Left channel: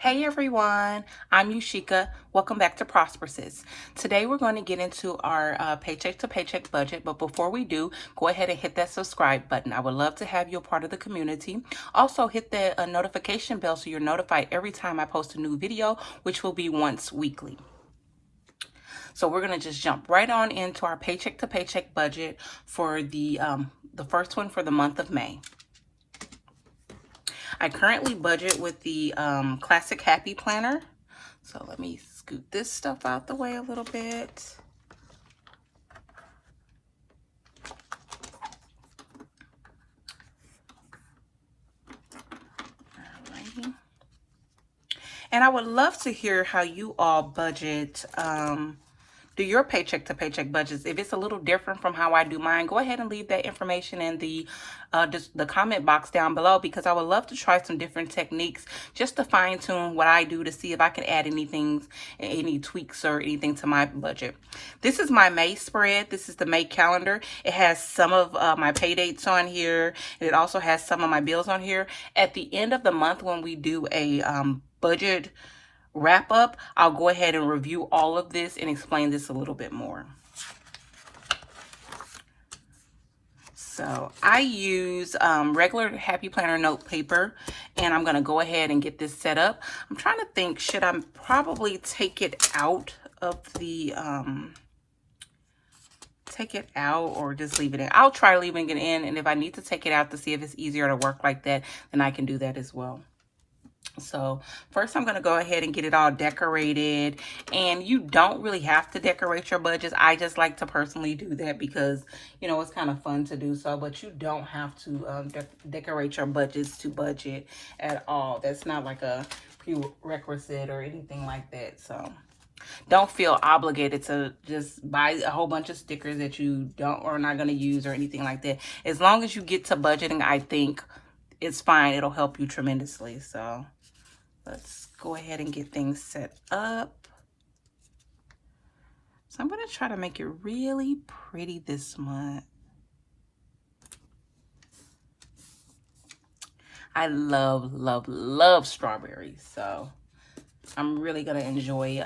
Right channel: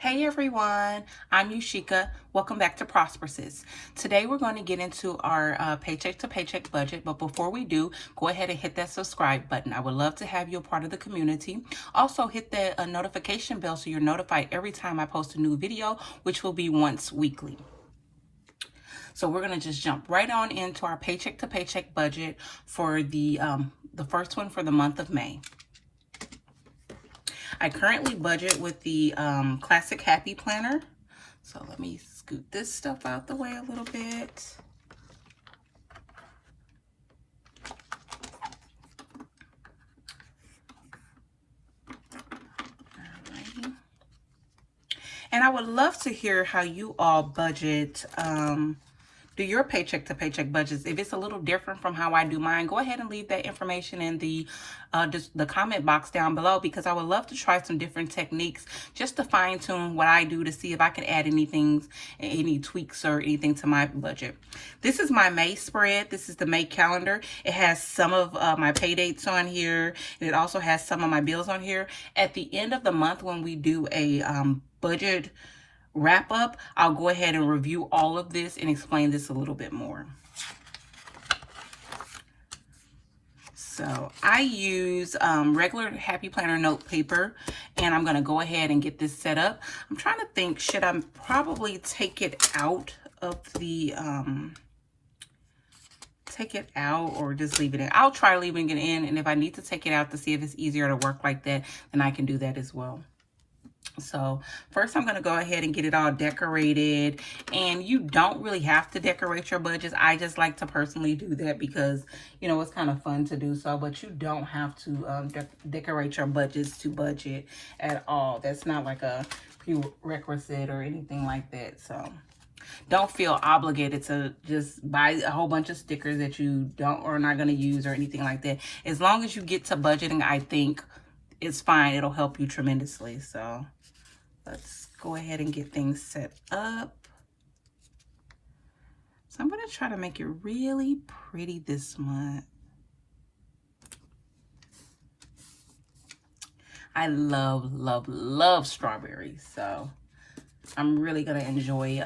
Hey everyone, I'm Yushika. Welcome back to Prosperousness. Today we're going to get into our paycheck to paycheck budget, but before we do, go ahead and hit that subscribe button. I would love to have you a part of the community. Also hit the notification bell so you're notified every time I post a new video, which will be once weekly. So we're going to just jump right on into our paycheck to paycheck budget for the first one for the month of May. I currently budget with the Classic Happy Planner. So let me scoot this stuff out the way a little bit. Alrighty. And I would love to hear how you all budget, do your paycheck to paycheck budgets. If it's a little different from how I do mine, go ahead and leave that information in the comment box down below, because I would love to try some different techniques just to fine tune what I do to see if I can add any tweaks or anything to my budget. This is my May spread. This is the May calendar. It has some of my pay dates on here, and it also has some of my bills on here. At the end of the month, when we do a budget wrap up, I'll go ahead and review all of this and explain this a little bit more. So I use regular Happy Planner note paper, and I'm going to go ahead and get this set up. I'm trying to think, should I probably take it out of the, take it out or just leave it in? I'll try leaving it in, and if I need to take it out to see if it's easier to work like that, then I can do that as well. So first I'm going to go ahead and get it all decorated, and you don't really have to decorate your budgets. I just like to personally do that because, you know, it's kind of fun to do so, but you don't have to decorate your budgets to budget at all. That's not like a prerequisite or anything like that. So don't feel obligated to just buy a whole bunch of stickers that you don't or not going to use or anything like that. As long as you get to budgeting, I think it's fine. It'll help you tremendously. So let's go ahead and get things set up. So I'm going to try to make it really pretty this month. I love, love, love strawberries. So I'm really going to enjoy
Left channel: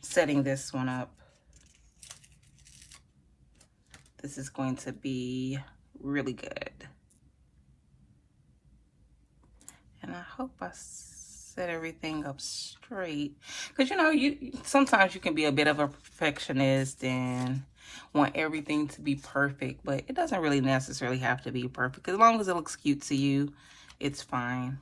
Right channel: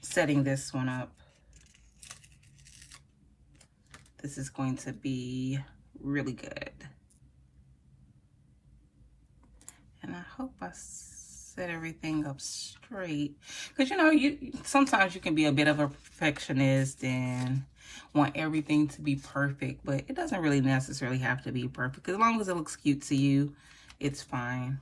setting this one up. This is going to be really good. And I hope I set everything up straight. Because, you know, sometimes you can be a bit of a perfectionist and want everything to be perfect. But it doesn't really necessarily have to be perfect. As long as it looks cute to you, it's fine.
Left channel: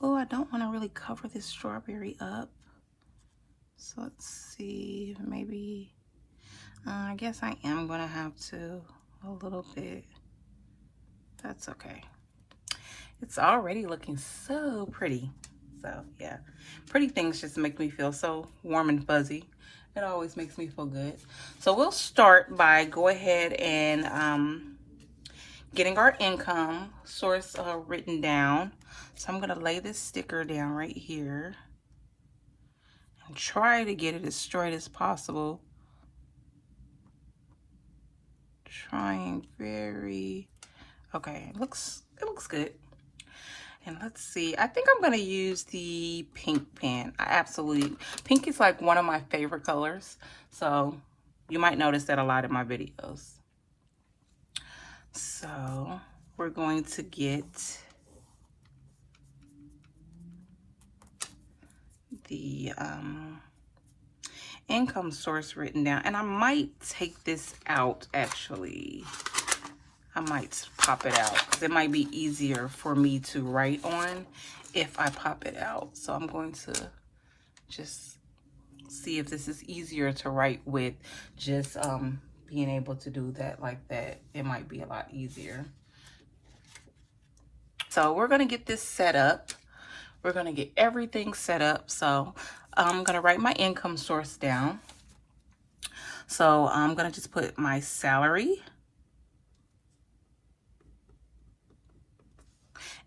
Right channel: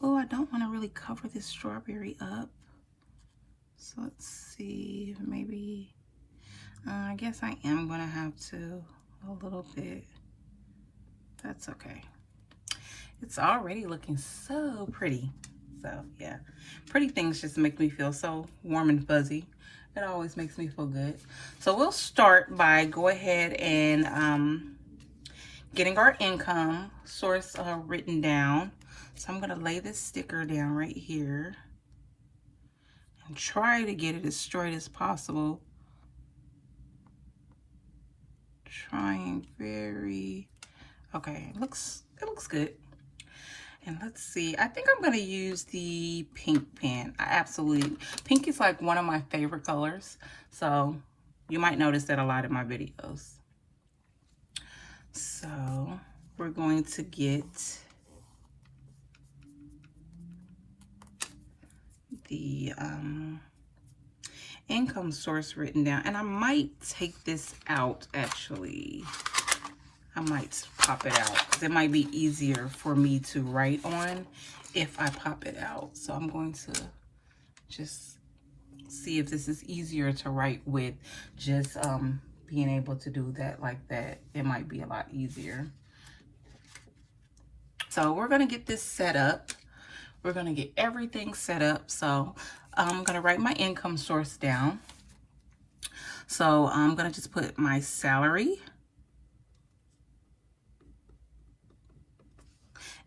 Oh, I don't want to really cover this strawberry up. So let's see, maybe... I guess I am going to have to a little bit. That's okay. It's already looking so pretty. So, yeah. Pretty things just make me feel so warm and fuzzy. It always makes me feel good. So, we'll start by go ahead and getting our income source written down. So, I'm going to lay this sticker down right here and try to get it as straight as possible. Trying very, okay, it looks good. And let's see, I think I'm going to use the pink pen. Pink is like one of my favorite colors, so you might notice that a lot in my videos. So we're going to get the income source written down, and I might take this out. Actually, I might pop it out because it might be easier for me to write on if I pop it out. So I'm going to just see if this is easier to write with just being able to do that like that. It might be a lot easier. So we're going to get this set up. We're going to get everything set up. So I'm going to write my income source down. So I'm going to just put my salary.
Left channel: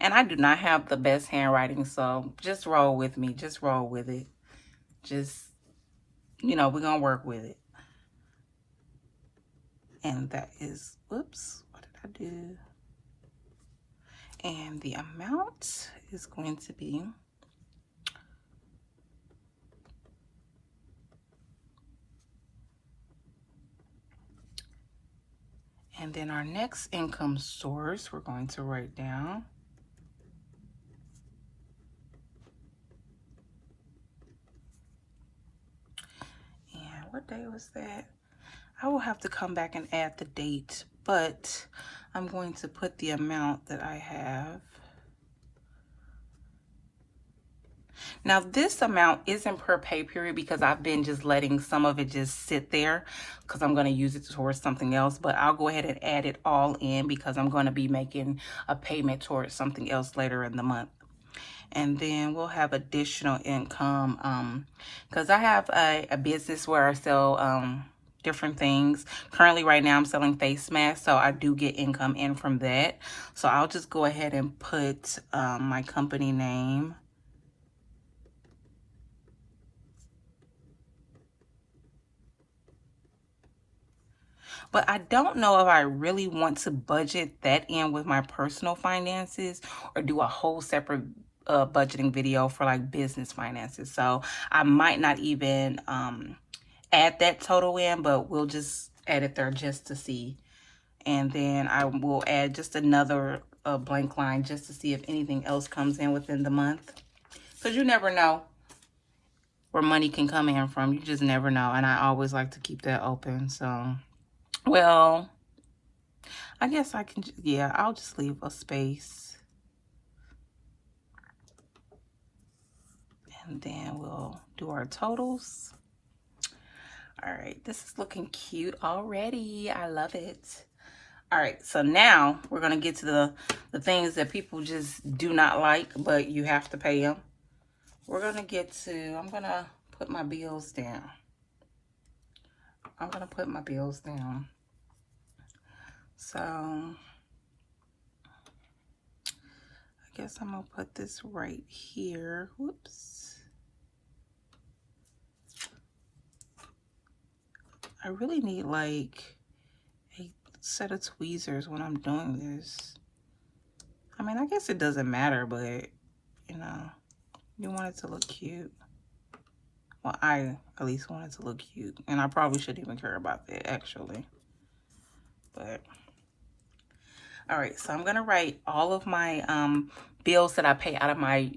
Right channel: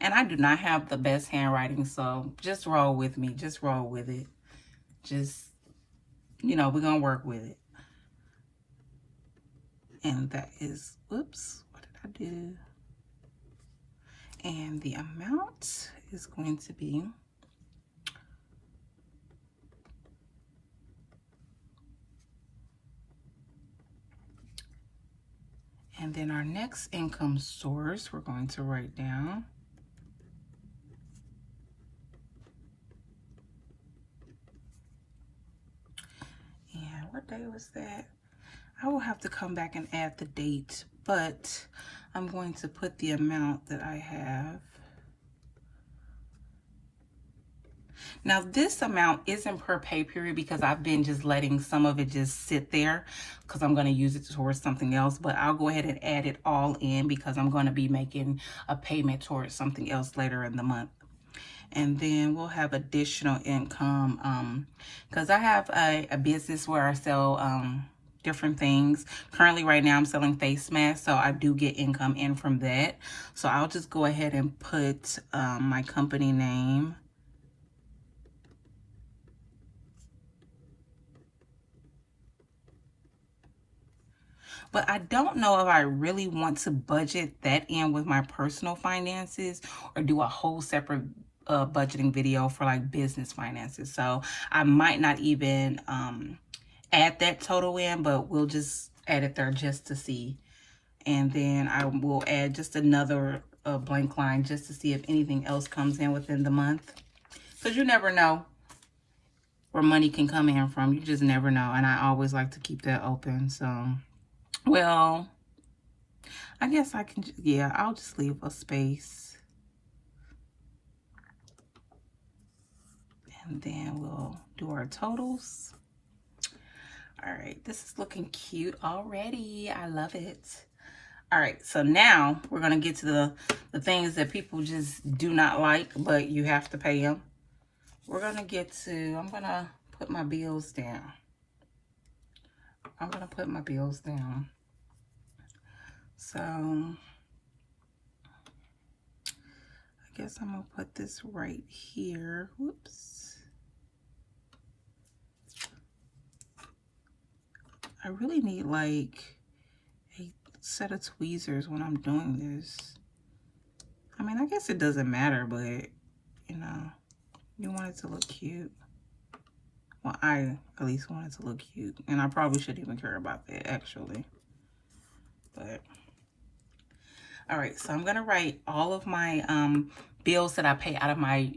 And I do not have the best handwriting, so just roll with me. Just roll with it. Just, you know, we're going to work with it. And that is, whoops, what did I do? And the amount is going to be and then our next income source, we're going to write down. And what day was that? I will have to come back and add the date, but I'm going to put the amount that I have. Now this amount isn't per pay period because I've been just letting some of it just sit there because I'm going to use it towards something else, but I'll go ahead and add it all in because I'm going to be making a payment towards something else later in the month. And then we'll have additional income because I have a business where I sell different things. Currently right now I'm selling face masks, so I do get income in from that. So I'll just go ahead and put my company name. But I don't know if I really want to budget that in with my personal finances or do a whole separate budgeting video for like business finances. So I might not even add that total in, but we'll just add it there just to see. And then I will add just another blank line just to see if anything else comes in within the month. Because you never know where money can come in from. You just never know. And I always like to keep that open. So, well, I guess I can, yeah, I'll just leave a space. And then we'll do our totals. All right, this is looking cute already. I love it. All right, so now we're going to get to the things that people just do not like, but you have to pay them. We're going to get to, I'm going to put my bills down. I'm going to put my bills down. So, I guess I'm going to put this right here. Whoops. I really need like a set of tweezers when I'm doing this. I mean, I guess it doesn't matter, but, you know, you want it to look cute. Well, I at least want it to look cute. And I probably shouldn't even care about that, actually. But, all right, so I'm going to write all of my bills that I pay out of my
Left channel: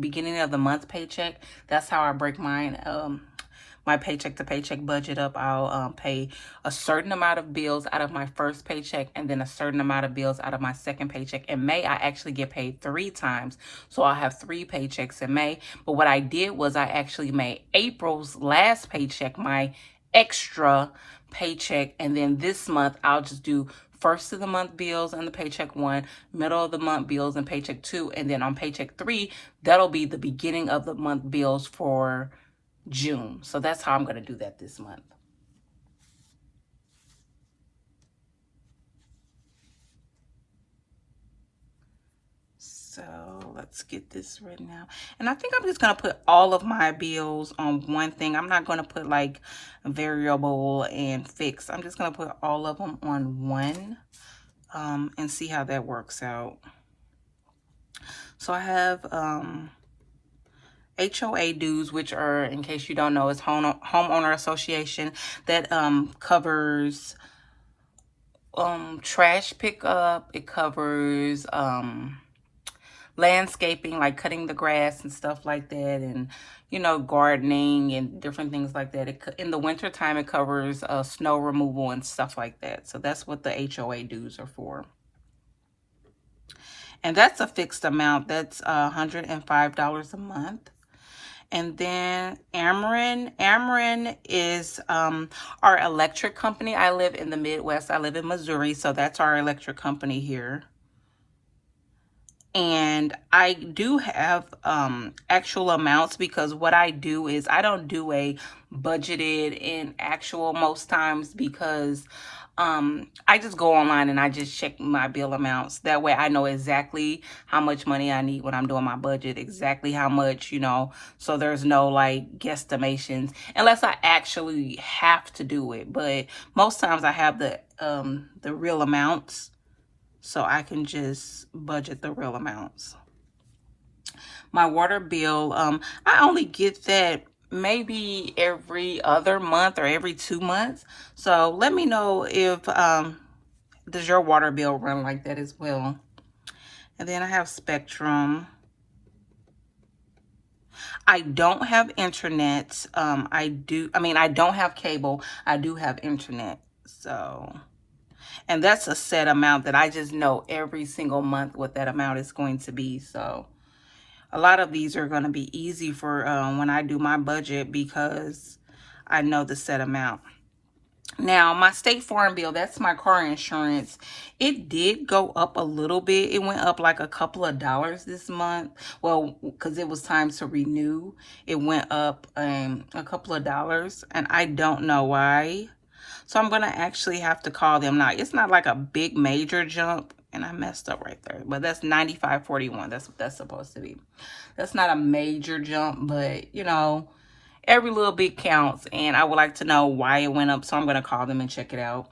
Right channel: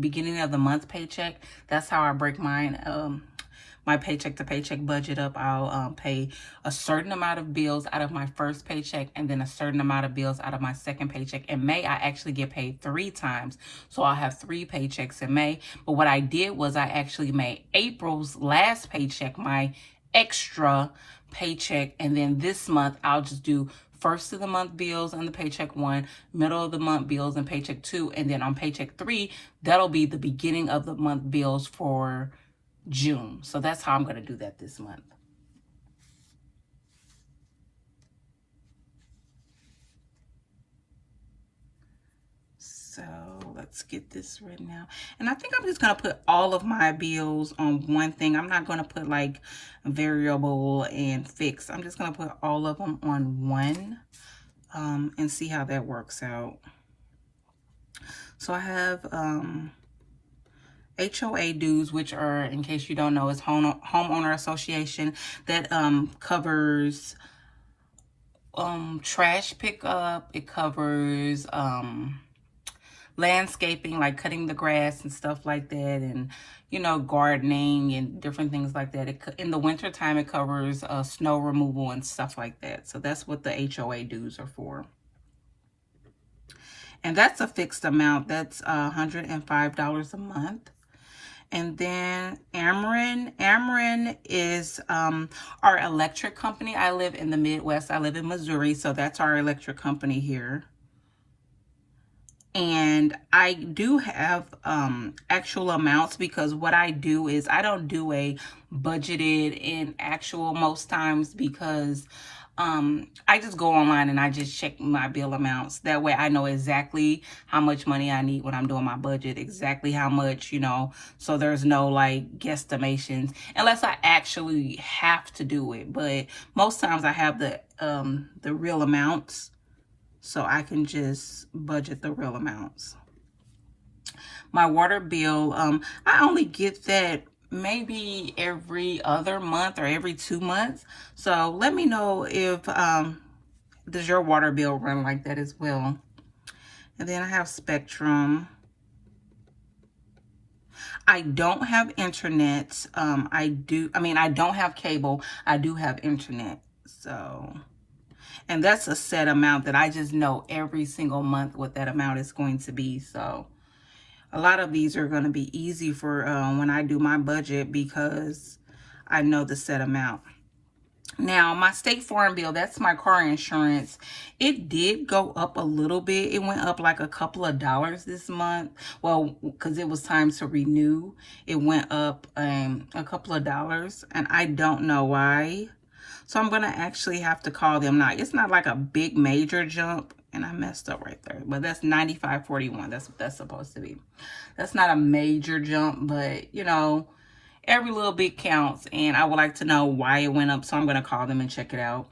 beginning of the month paycheck. That's how I break mine. My paycheck to paycheck budget up. I'll pay a certain amount of bills out of my first paycheck and then a certain amount of bills out of my second paycheck. In May, I actually get paid 3 times. So I'll have 3 paychecks in May. But what I did was I actually made April's last paycheck my extra paycheck. And then this month, I'll just do first of the month bills on the paycheck 1, middle of the month bills and paycheck 2. And then on paycheck 3, that'll be the beginning of the month bills for June. So that's how I'm going to do that this month. So let's get this written out. And I think I'm just going to put all of my bills on one thing. I'm not going to put like variable and fixed. I'm just going to put all of them on one and see how that works out. So I have HOA dues, which are, in case you don't know, is homeowner association that covers trash pickup. It covers landscaping, like cutting the grass and stuff like that, and you know, gardening and different things like that. In the winter time, it covers snow removal and stuff like that. So that's what the HOA dues are for. And that's a fixed amount. That's $105 a month. And then Ameren is our electric company. I live in the Midwest. I live in Missouri, so that's our electric company here. And I do have actual amounts because what I do is I don't do a budgeted and actual most times because I just go online and I just check my bill amounts. That way I know exactly how much money I need when I'm doing my budget, exactly how much, you know, so there's no like guesstimations unless I actually have to do it. But most times I have the real amounts, so I can just budget the real amounts. My water bill, I only get that maybe every other month or every 2 months. So let me know if does your water bill run like that as well. And then I have Spectrum. I don't have internet. I don't have cable. I do have internet. So, and that's a set amount that I just know every single month what that amount is going to be. So a lot of these are going to be easy for when I do my budget because I know the set amount. Now, my State Farm bill, that's my car insurance. It did go up a little bit. It went up like a couple of dollars this month. Well, because it was time to renew, it went up a couple of dollars, and I don't know why. So I'm going to actually have to call them now. It's not like a big major jump, and I messed up right there, but that's $95.41. That's what that's supposed to be. That's not a major jump, but, you know, every little bit counts, and I would like to know why it went up, so I'm going to call them and check it out.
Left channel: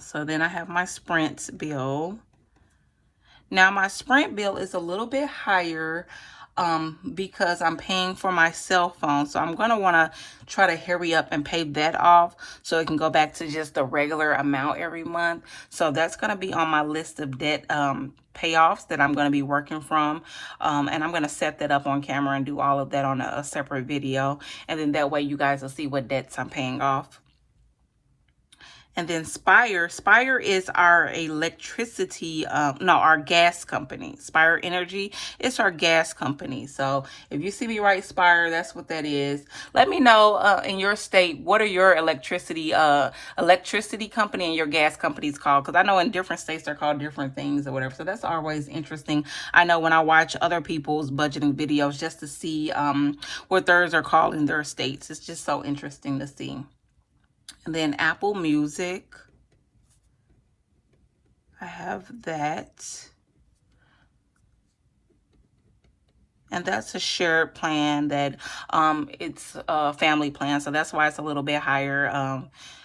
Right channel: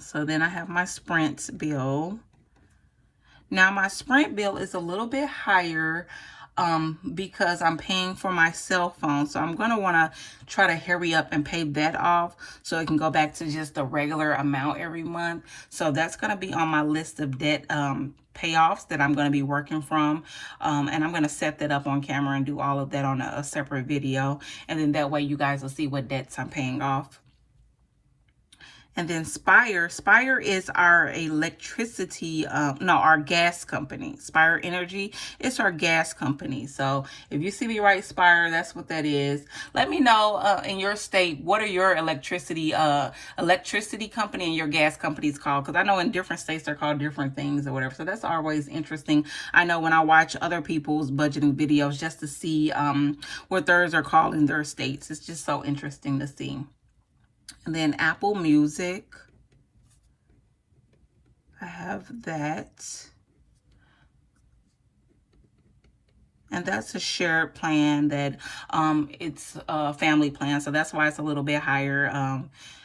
So then I have my Sprint bill. Now, my Sprint bill is a little bit higher because I'm paying for my cell phone. So I'm going to want to try to hurry up and pay that off so it can go back to just the regular amount every month. So that's going to be on my list of debt payoffs that I'm going to be working from. And I'm going to set that up on camera and do all of that on a separate video. And then that way you guys will see what debts I'm paying off. And then Spire. Spire is our electricity, our gas company. Spire Energy, it's our gas company. So if you see me write Spire, that's what that is. Let me know in your state, what are your electricity company and your gas companies called? Because I know in different states they're called different things or whatever. So that's always interesting. I know when I watch other people's budgeting videos just to see what theirs are called in their states. It's just so interesting to see. And then Apple Music, I have that. And that's a shared plan that it's a family plan. So that's why it's a little bit higher.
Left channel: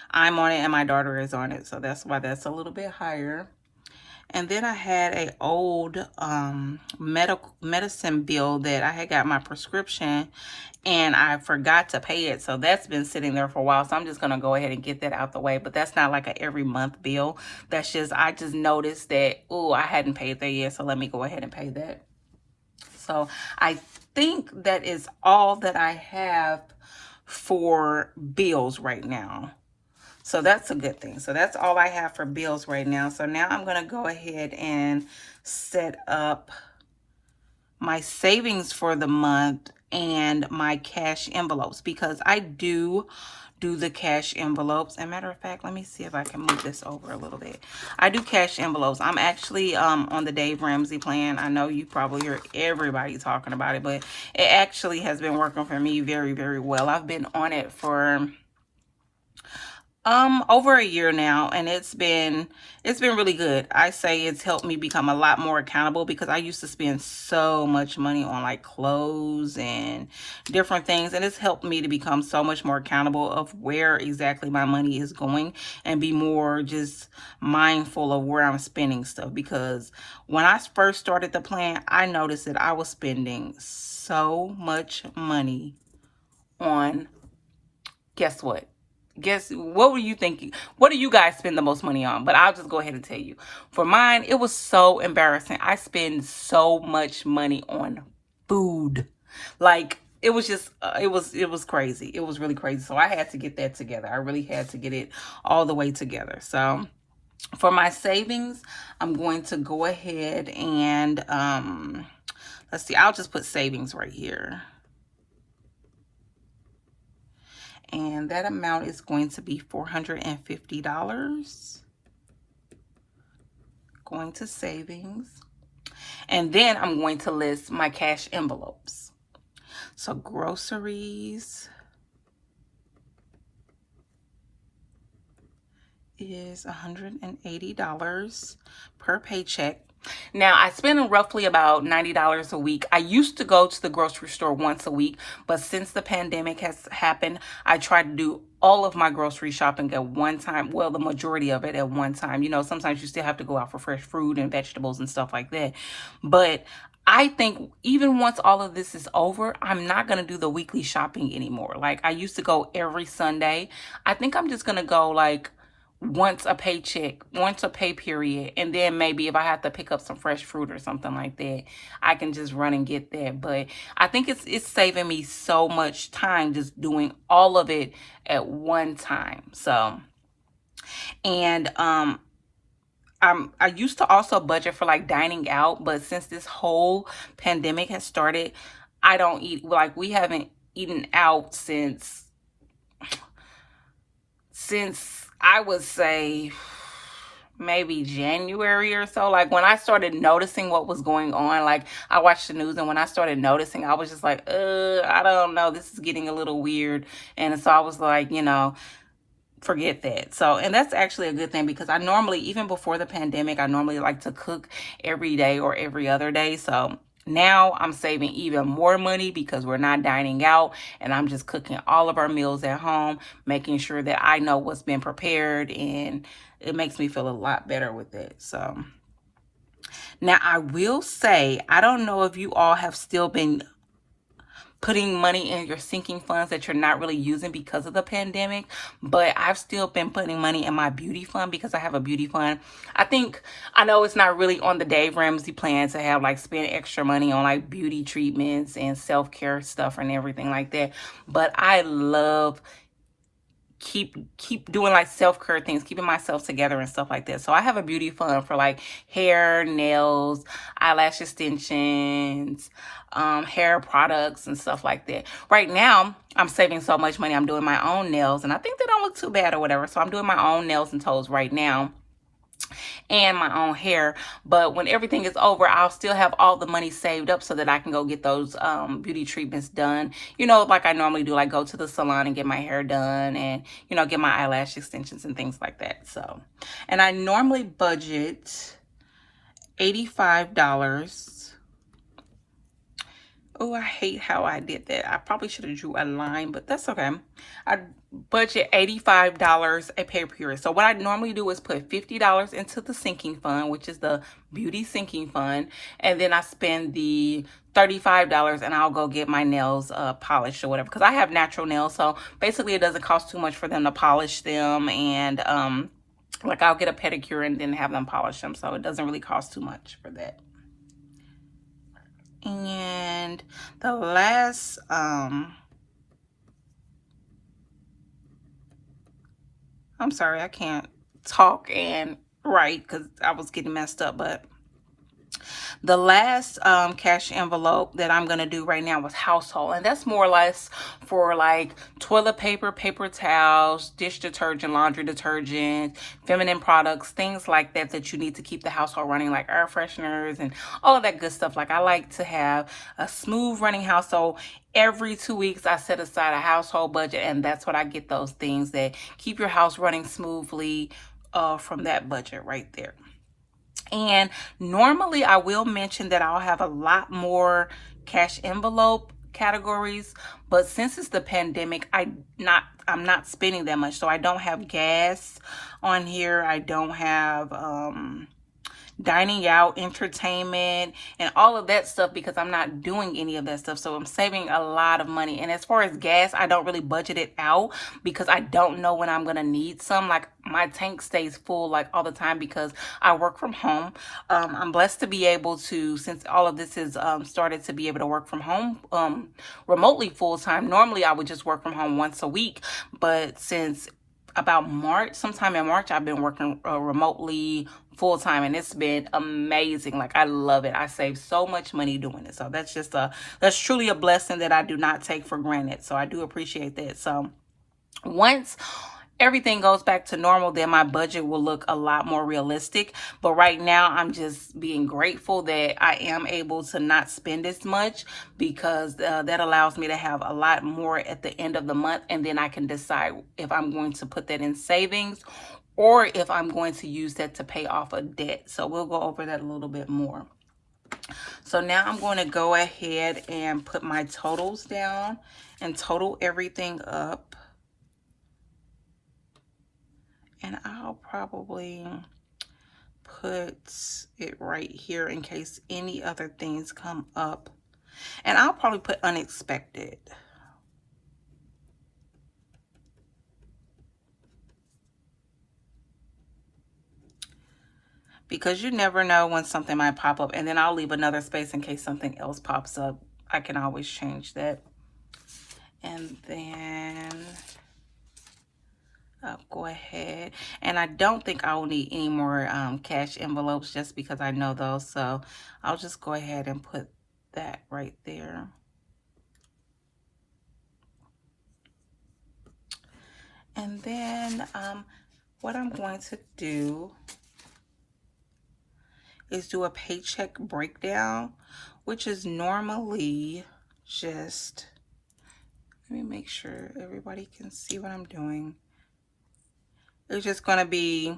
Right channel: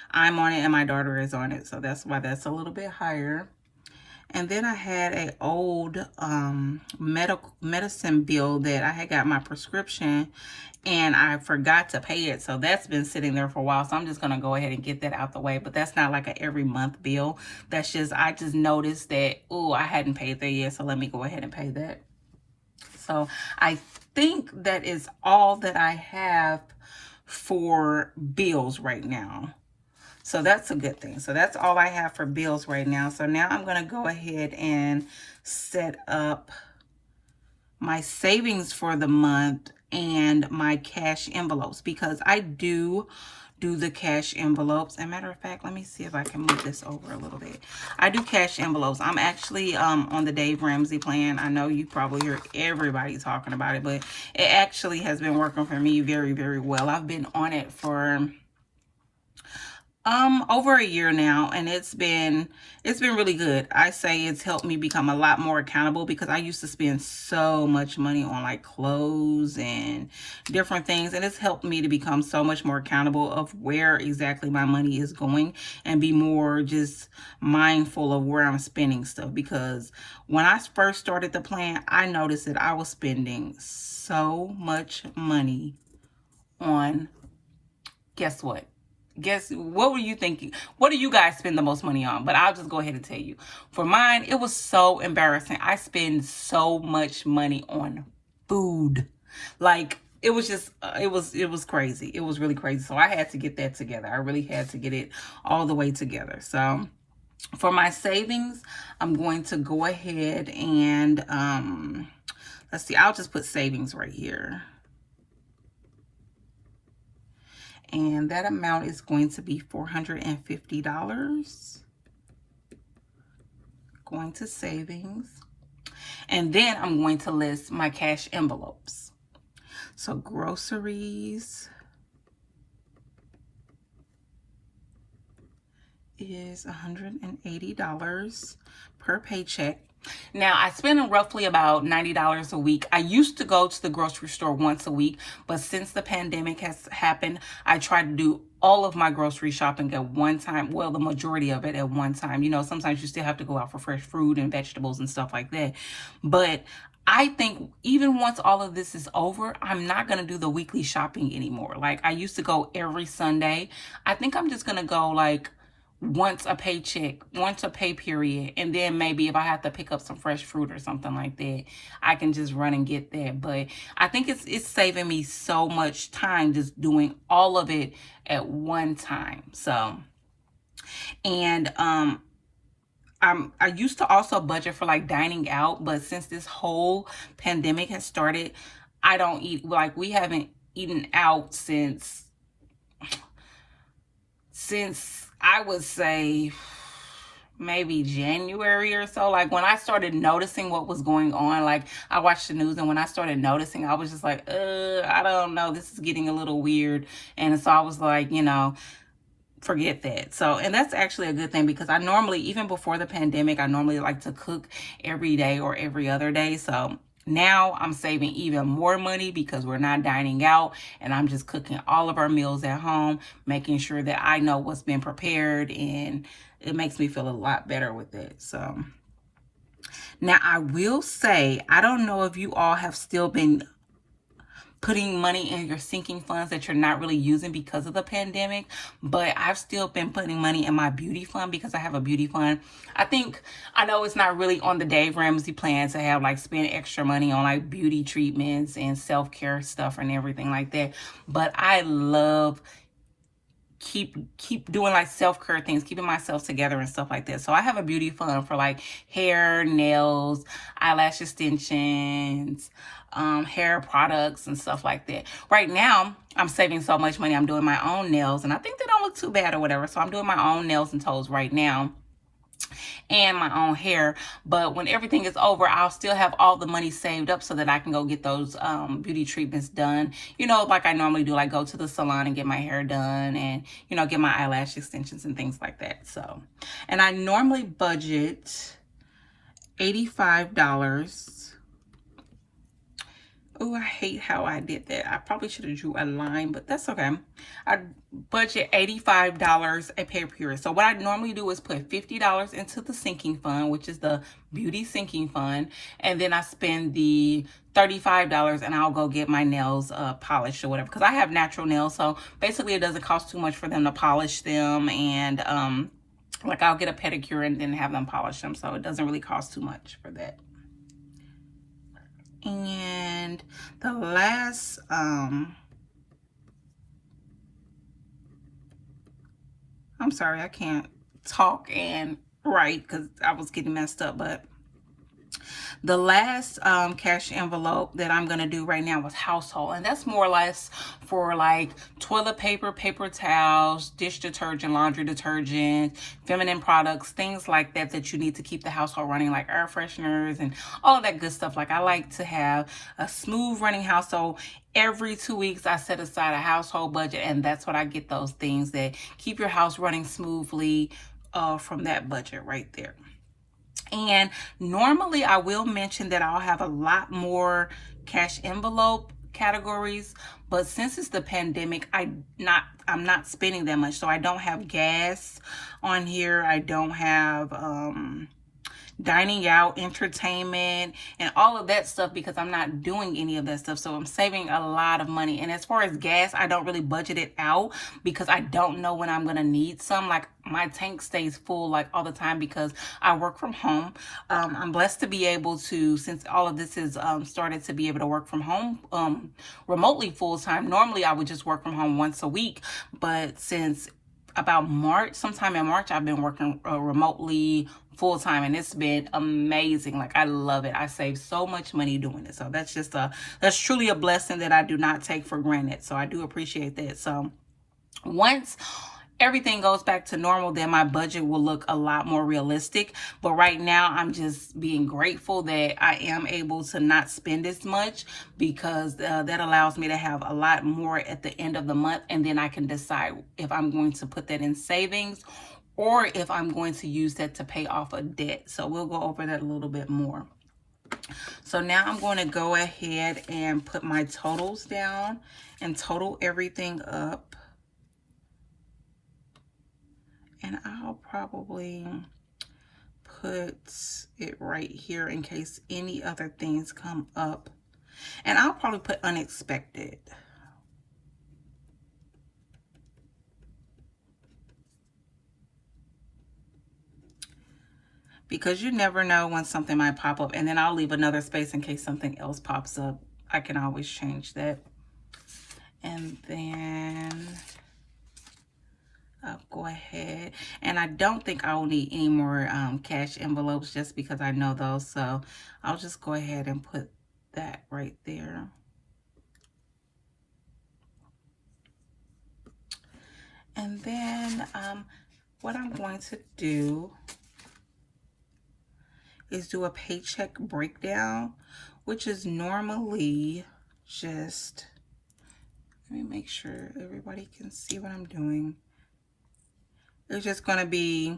I'm on it and my daughter is on it. So that's why that's a little bit higher. And then I had a old medicine bill that I had got my prescription and I forgot to pay it. So that's been sitting there for a while. So I'm just going to go ahead and get that out the way. But that's not like a every month bill. That's just, I just noticed that, oh, I hadn't paid that yet. So let me go ahead and pay that. So I think that is all that I have for bills right now. So that's a good thing. So that's all I have for bills right now. So now I'm going to go ahead and set up my savings for the month and my cash envelopes because I do the cash envelopes. As a matter of fact, let me see if I can move this over a little bit. I do cash envelopes. I'm actually on the Dave Ramsey plan. I know you probably heard everybody talking about it, but it actually has been working for me very, very well. I've been on it for over a year now, and it's been really good. I say it's helped me become a lot more accountable because I used to spend so much money on like clothes and different things, and it's helped me to become so much more accountable of where exactly my money is going and be more just mindful of where I'm spending stuff. Because when I first started the plan, I noticed that I was spending so much money on, guess what? What were you thinking? What do you guys spend the most money on? But I'll just go ahead and tell you. For mine, it was so embarrassing. I spend so much money on food. Like, it was just, it was crazy. It was really crazy. So I had to get that together. I really had to get it all the way together. So for my savings, I'm going to go ahead and, let's see, I'll just put savings right here. And that amount is going to be $450. Going to savings. And then I'm going to list my cash envelopes. So groceries is $180 per paycheck. Now, I spend roughly about $90 a week. I used to go to the grocery store once a week, but since the pandemic has happened, I try to do all of my grocery shopping at one time. Well, the majority of it at one time. You know, sometimes you still have to go out for fresh fruit and vegetables and stuff like that. But I think even once all of this is over, I'm not going to do the weekly shopping anymore. Like, I used to go every Sunday. I think I'm just going to go like once a paycheck, once a pay period, and then maybe if I have to pick up some fresh fruit or something like that, I can just run and get that. But I think it's saving me so much time just doing all of it at one time. So, and I used to also budget for like dining out, but since this whole pandemic has started, I don't eat, like we haven't eaten out since I would say maybe January or so. Like when I started noticing what was going on, like I watched the news, and when I started noticing, I was just like, I don't know, this is getting a little weird. And so I was like, you know, forget that. So, and that's actually a good thing, because I normally, even before the pandemic, I normally like to cook every day or every other day. So now I'm saving even more money because we're not dining out, and I'm just cooking all of our meals at home, making sure that I know what's been prepared, and it makes me feel a lot better with it. So now I will say, I don't know if you all have still been putting money in your sinking funds that you're not really using because of the pandemic, but I've still been putting money in my beauty fund because I have a beauty fund. I know it's not really on the Dave Ramsey plan to have like spend extra money on like beauty treatments and self-care stuff and everything like that, but I love keep doing like self-care things, keeping myself together and stuff like that. So I have a beauty fund for like hair, nails, eyelash extensions, hair products and stuff like that. Right now I'm saving so much money, I'm doing my own nails, and I think they don't look too bad or whatever. So I'm doing my own nails and toes right now, and my own hair. But when everything is over, I'll still have all the money saved up so that I can go get those beauty treatments done, you know, like I normally do, like go to the salon and get my hair done, and, you know, get my eyelash extensions and things like that. So, and I normally budget $85. Oh, I hate how I did that. I probably should have drew a line, but that's okay. I budget $85 a pay period. So what I normally do is put $50 into the sinking fund, which is the beauty sinking fund, and then I spend the $35 and I'll go get my nails polished or whatever, because I have natural nails. So basically it doesn't cost too much for them to polish them, and like I'll get a pedicure and then have them polish them. So it doesn't really cost too much for that. And the last I'm sorry, I can't talk and write because I was getting messed up, but the last cash envelope that I'm going to do right now was household. And that's more or less for like toilet paper, paper towels, dish detergent, laundry detergent, feminine products, things like that that you need to keep the household running, like air fresheners and all of that good stuff. Like I like to have a smooth running household. Every 2 weeks, I set aside a household budget, and that's what I get, those things that keep your house running smoothly from that budget right there. And normally I will mention that I'll have a lot more cash envelope categories, but since it's the pandemic, I'm not spending that much. So I don't have gas on here. I don't have dining out, entertainment, and all of that stuff, because I'm not doing any of that stuff. So I'm saving a lot of money. And as far as gas, I don't really budget it out because I don't know when I'm gonna need some. Like my tank stays full like all the time because I work from home. I'm blessed to be able to, since all of this is started, to be able to work from home remotely full time. Normally I would just work from home once a week, but since about March, sometime in March, I've been working remotely full time, and it's been amazing. Like I love it. I save so much money doing it. So that's truly a blessing that I do not take for granted. So I do appreciate that. So once everything goes back to normal, then my budget will look a lot more realistic. But right now, I'm just being grateful that I am able to not spend as much, because that allows me to have a lot more at the end of the month, and then I can decide if I'm going to put that in savings or if I'm going to use that to pay off a debt. So we'll go over that a little bit more. So now I'm going to go ahead and put my totals down and total everything up. And I'll probably put it right here in case any other things come up. And I'll probably put unexpected. Because you never know when something might pop up. And then I'll leave another space in case something else pops up. I can always change that. And then I'll go ahead. And I don't think I will need any more cash envelopes just because I know those. So I'll just go ahead and put that right there. And then what I'm going to do is do a paycheck breakdown, which is normally just, let me make sure everybody can see what I'm doing. It's just going to be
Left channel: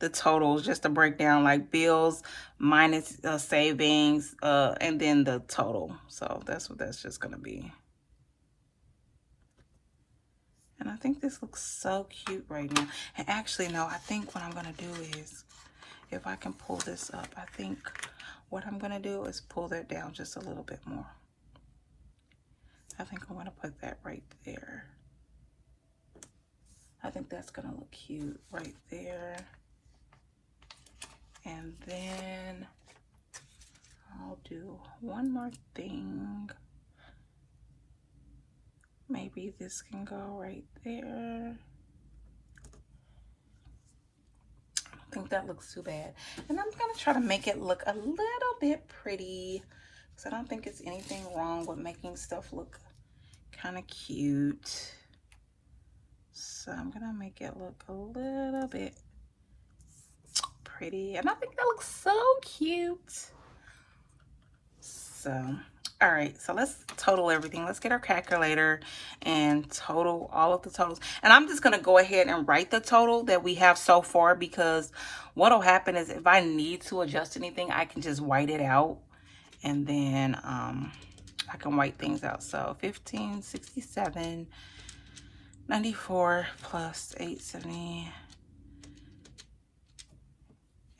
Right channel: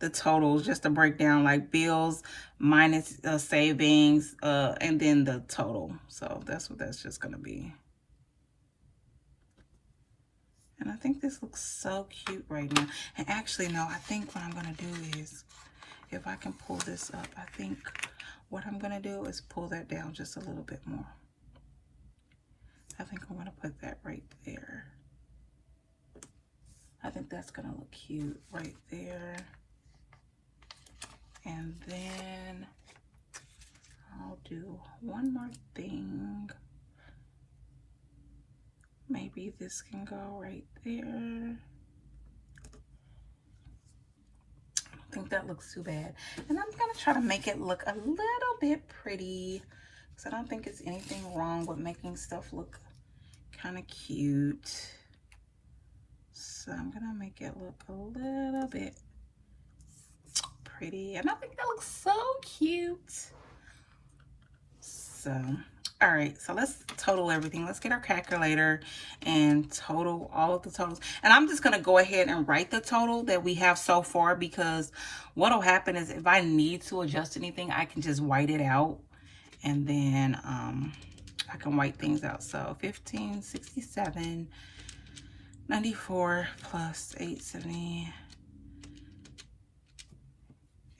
the totals, just a breakdown, like bills minus savings, and then the total. So that's what that's just going to be. And I think this looks so cute right now. And actually, no, I think what I'm going to do is, if I can pull this up, I think what I'm going to do is pull that down just a little bit more. I think I'm going to put that right there. I think that's going to look cute right there. And then I'll do one more thing. Maybe this can go right there. I think that looks too bad. And I'm going to try to make it look a little bit pretty, because I don't think it's anything wrong with making stuff look kind of cute. So I'm going to make it look a little bit pretty. And I think that looks so cute. So, all right, so let's total everything. Let's get our calculator and total all of the totals. And I'm just going to go ahead and write the total that we have so far, because what will happen is if I need to adjust anything, I can just white it out. And then I can white things out. So 1567.94 plus 870.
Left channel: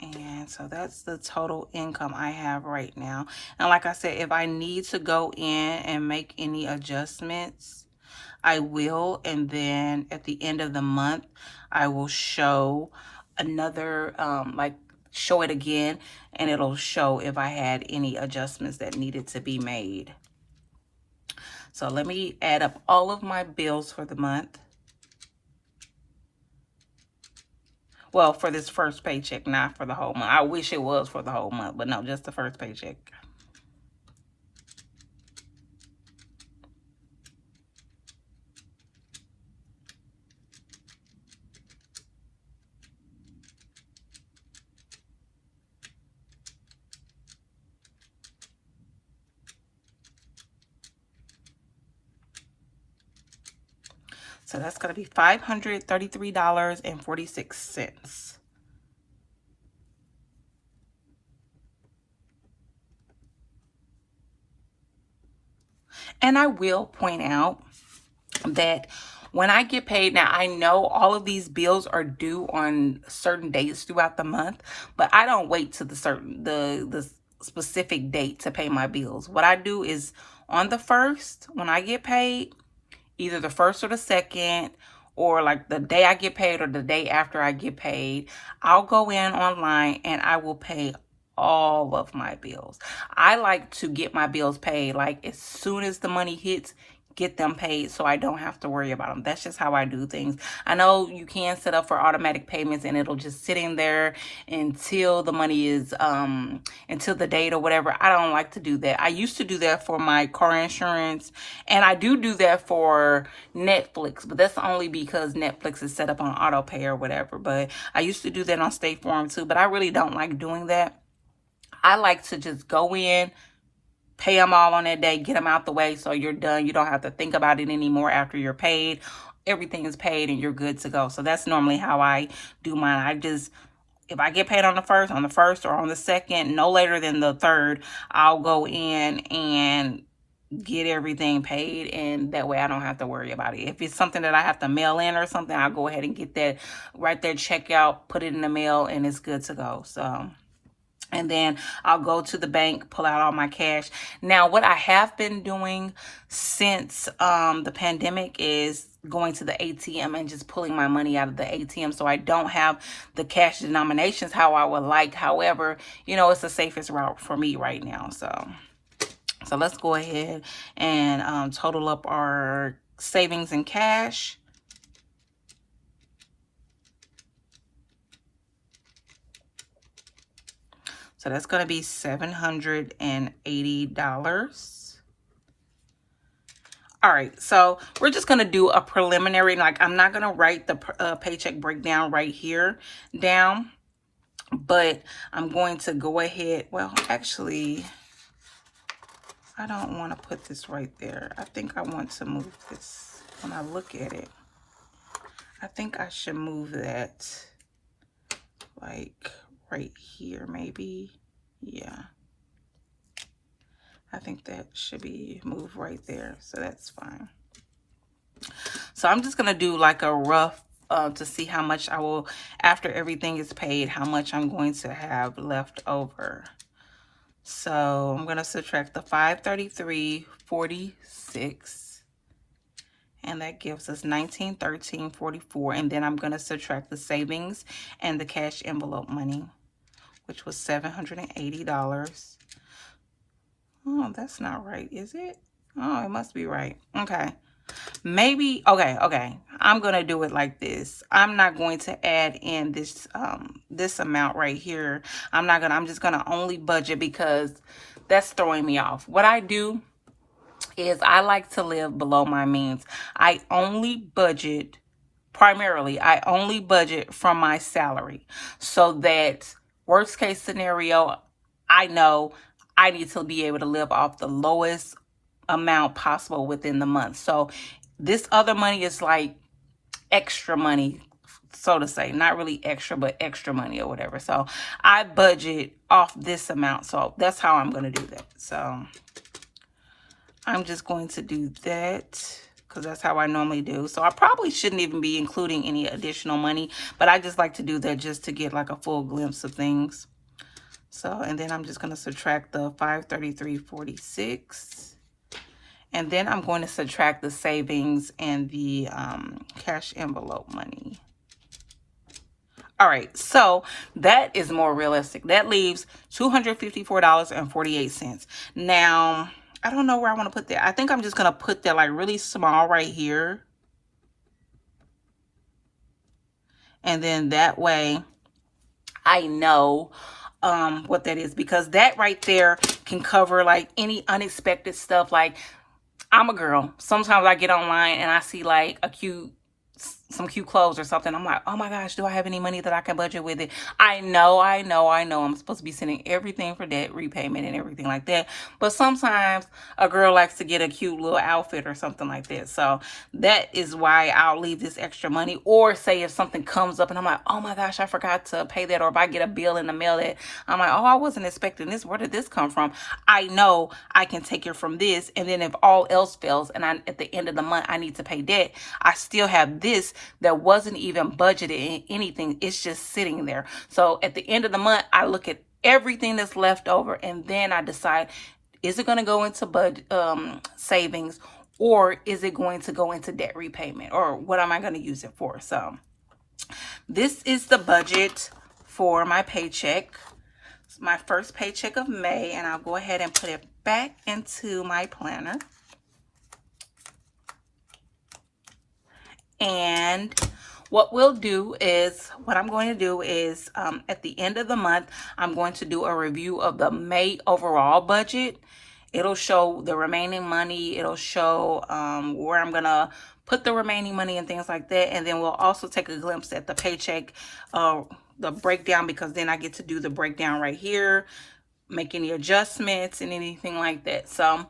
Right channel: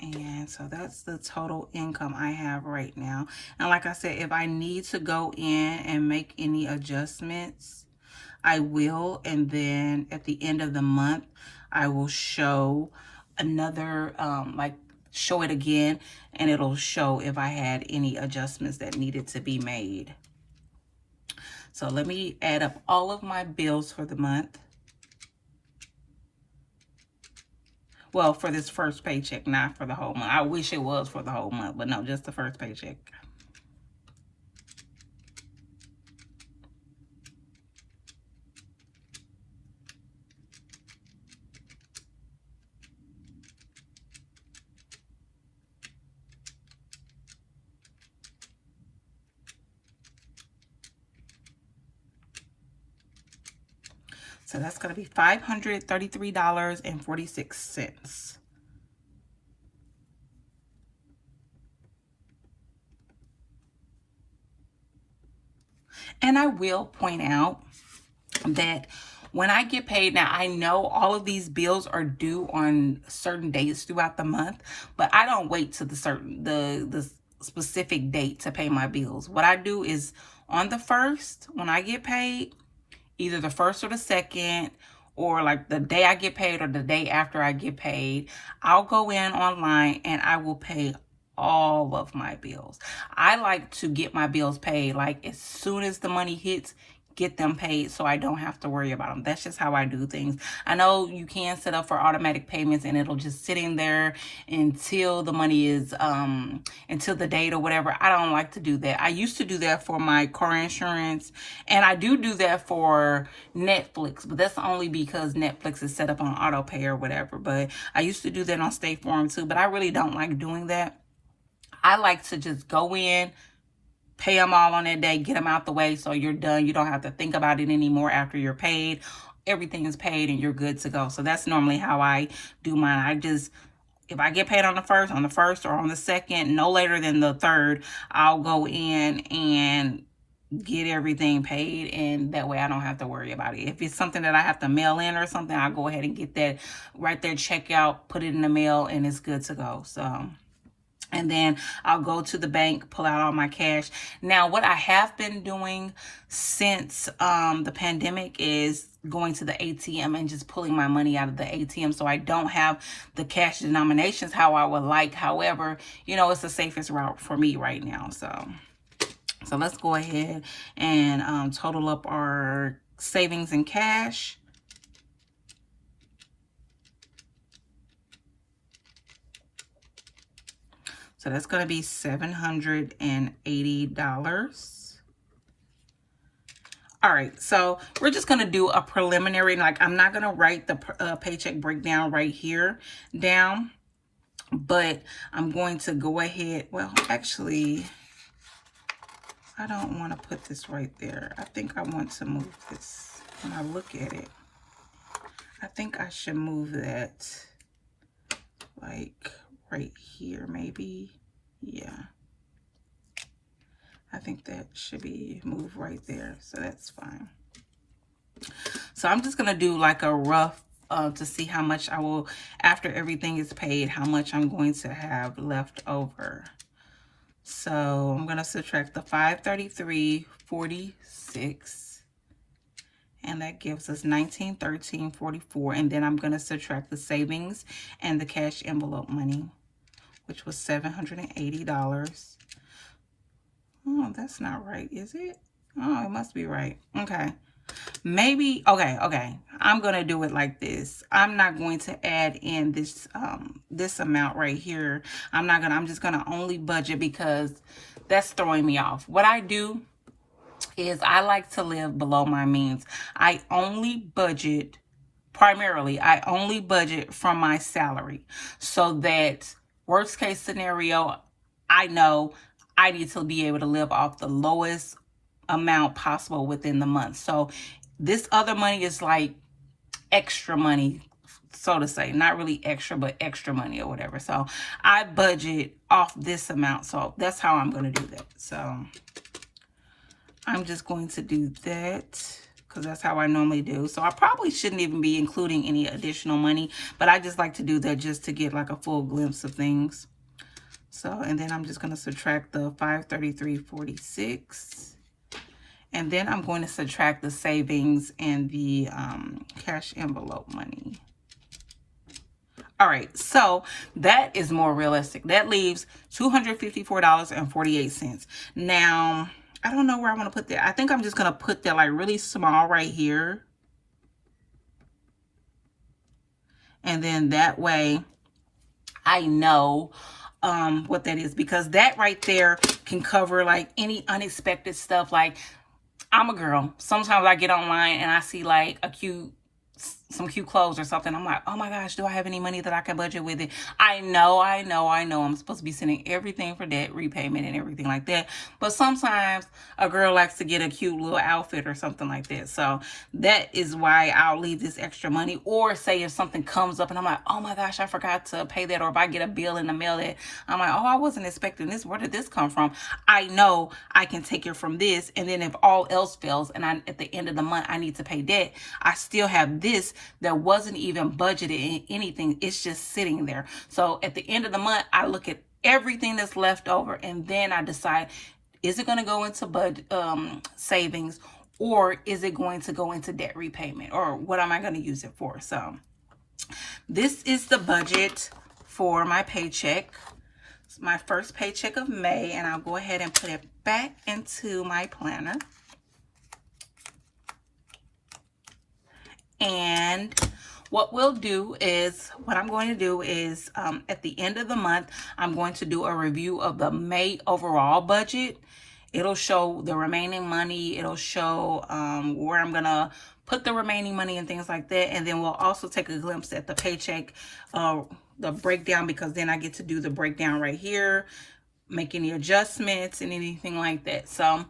And so that's the total income I have right now. And like I said, if I need to go in and make any adjustments, I will. And then at the end of the month, I will show another, show it again, and it'll show if I had any adjustments that needed to be made. So let me add up all of my bills for the month. Well, for this first paycheck, not for the whole month. I wish it was for the whole month, but no, just the first paycheck. So that's going to be $533.46. And I will point out that when I get paid, now I know all of these bills are due on certain dates throughout the month, but I don't wait to the specific date to pay my bills. What I do is on the 1st, when I get paid, either the 1st or the 2nd, or like the day I get paid or the day after I get paid, I'll go in online and I will pay all of my bills. I like to get my bills paid like as soon as the money hits, get them paid so I don't have to worry about them. That's just how I do things. I know you can set up for automatic payments and it'll just sit in there until the money is until the date or whatever. I don't like to do that. I used to do that for my car insurance, and I do that for Netflix, but that's only because Netflix is set up on auto pay or whatever. But I used to do that on State Farm too, but I really don't like doing that. I like to just go in, pay them all on that day, get them out the way so you're done. You don't have to think about it anymore after you're paid. everything is paid and you're good to go. So that's normally how I do mine. If I get paid on the first or on the second, no later than the third, I'll go in and get everything paid, and that way I don't have to worry about it. If it's something that I have to mail in or something, I'll go ahead and get that right there, check out, put it in the mail, and it's good to go. So, and then I'll go to the bank, pull out all my cash. Now, what I have been doing since the pandemic is going to the ATM and just pulling my money out of the ATM. So I don't have the cash denominations how I would like. However, you know, it's the safest route for me right now. So let's go ahead and total up our savings and cash. So that's going to be $780. All right, so we're just going to do a preliminary. Like, I'm not going to write the paycheck breakdown right here down, but I'm going to go ahead. Well, actually, I don't want to put this right there. I think I want to move this when I look at it. I think I should move that like right here, maybe. Yeah. I think that should be moved right there. So that's fine. So I'm just going to do like a rough to see how much I will, after everything is paid, how much I'm going to have left over. So I'm going to subtract the $533.46, and that gives us $1913.44. And then I'm going to subtract the savings and the cash envelope money, which was $780. Oh, that's not right, is it? Oh, it must be right. Okay. Maybe, okay. I'm going to do it like this. I'm not going to add in this this amount right here. I'm just going to only budget because that's throwing me off. What I do is I like to live below my means. I only budget from my salary, so that worst case scenario, I know I need to be able to live off the lowest amount possible within the month. So this other money is like extra money, so to say. Not really extra, but extra money or whatever. So I budget off this amount. So that's how I'm going to do that. So I'm just going to do that because that's how I normally do. So I probably shouldn't even be including any additional money, but I just like to do that just to get like a full glimpse of things. So, and then I'm just going to subtract the $533.46. And then I'm going to subtract the savings and the cash envelope money. All right, so that is more realistic. That leaves $254.48. Now, I don't know where I want to put that. I think I'm just going to put that like really small right here. And then that way I know what that is, because that right there can cover like any unexpected stuff. Like, I'm a girl. Sometimes I get online and I see like some cute clothes or something. I'm like, oh my gosh, do I have any money that I can budget with it? I know. I'm supposed to be sending everything for debt repayment and everything like that. But sometimes a girl likes to get a cute little outfit or something like that. So that is why I'll leave this extra money. Or say if something comes up and I'm like, oh my gosh, I forgot to pay that. Or if I get a bill in the mail that I'm like, oh, I wasn't expecting this. Where did this come from? I know I can take it from this. And then if all else fails and at the end of the month I need to pay debt, I still have this that wasn't even budgeted in anything. It's just sitting there. So at the end of the month, I look at everything that's left over, and then I decide, is it going to go into savings, or is it going to go into debt repayment, or what am I going to use it for? So this is the budget for my paycheck. It's my first paycheck of May, and I'll go ahead and put it back into my planner. And what I'm going to do is at the end of the month, I'm going to do a review of the May overall budget. It'll show the remaining money. It'll show where I'm going to put the remaining money and things like that. And then we'll also take a glimpse at the paycheck, the breakdown, because then I get to do the breakdown right here, make any adjustments and anything like that. So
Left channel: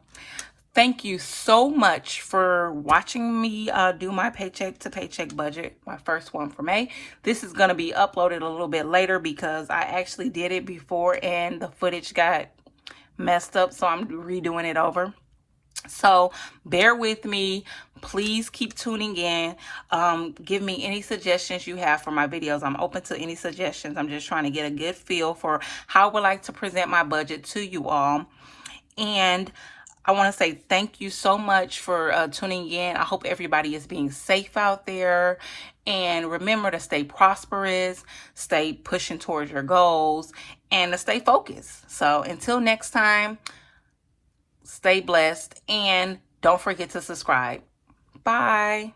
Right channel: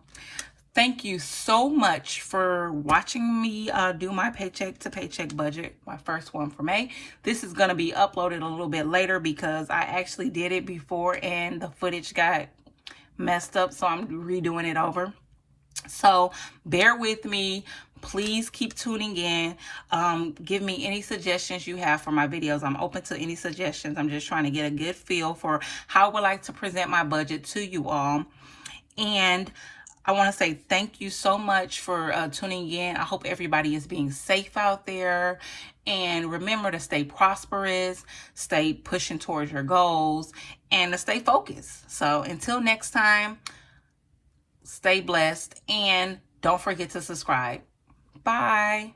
Thank you so much for watching me do my paycheck to paycheck budget, my first one for May. This is going to be uploaded a little bit later because I actually did it before and the footage got messed up, so I'm redoing it over. So bear with me. Please keep tuning in. Give me any suggestions you have for my videos. I'm open to any suggestions. I'm just trying to get a good feel for how I would like to present my budget to you all. And I want to say thank you so much for tuning in. I hope everybody is being safe out there. And remember to stay prosperous, stay pushing towards your goals, and to stay focused. So until next time, stay blessed and don't forget to subscribe. Bye.